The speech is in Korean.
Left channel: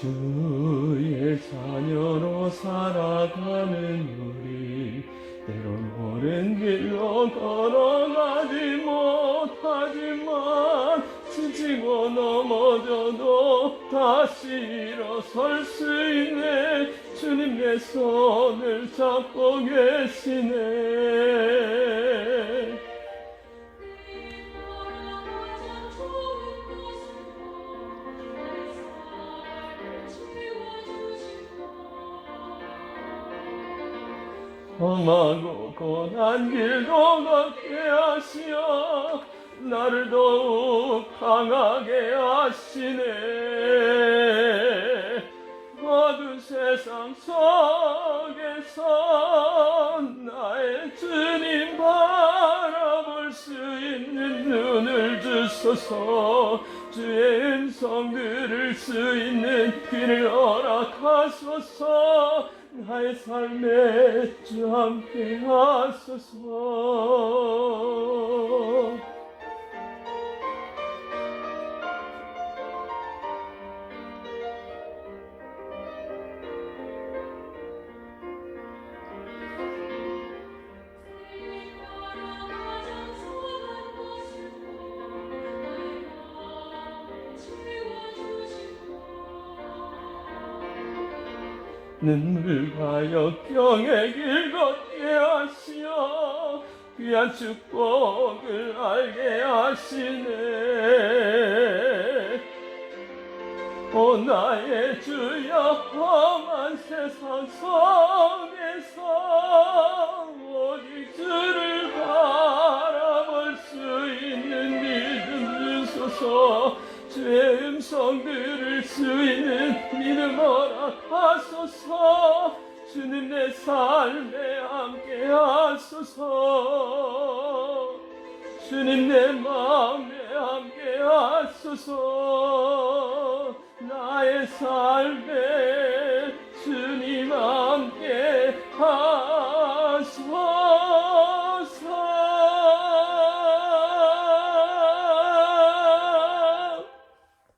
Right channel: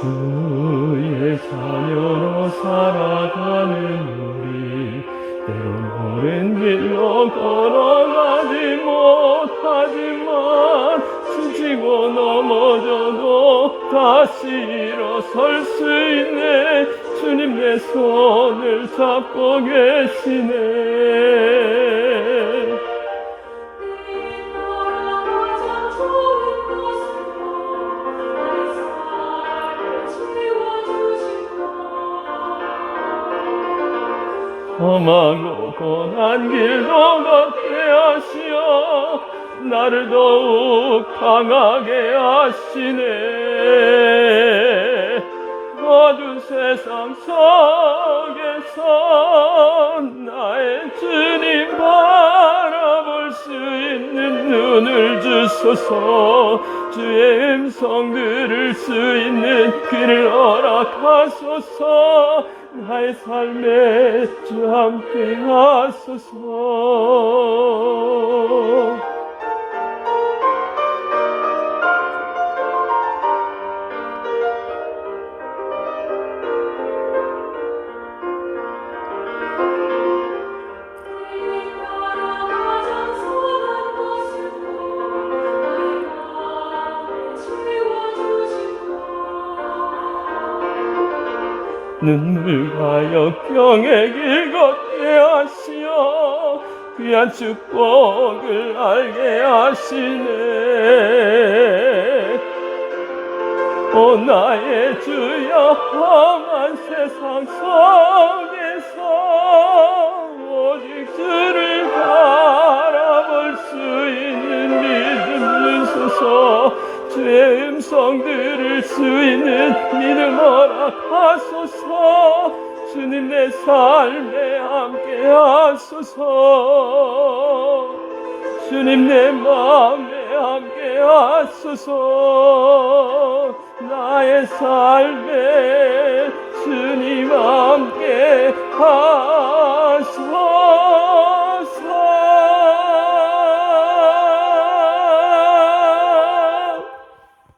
주의 자녀로 살아가는 우리 때론 오랜 길로 걸어가지 못하지만 지치고 넘어져도 다시 일어설 수 있네. 주님 내 손을 잡고 계시네 험하고 고난 길도 걷게 하시어. 나를 더욱 강하게 하시네 눈을 주소서. 주의 음성 들을 수 있는 귀를 허락하소서. 나의 삶에 주 함께 하소서 눈물과 역경의 길 걷게 하시어 귀한 축복을 알게 하시네. 오 나의 주여 험한 세상 속에서 오직 주를 바라볼 수 있는 믿음 주소서 주의 음성 들을 수 있는 하소서. 주님 내 삶에 함께 하소서. 주님 내 마음에 함께 하소서. 나의 삶에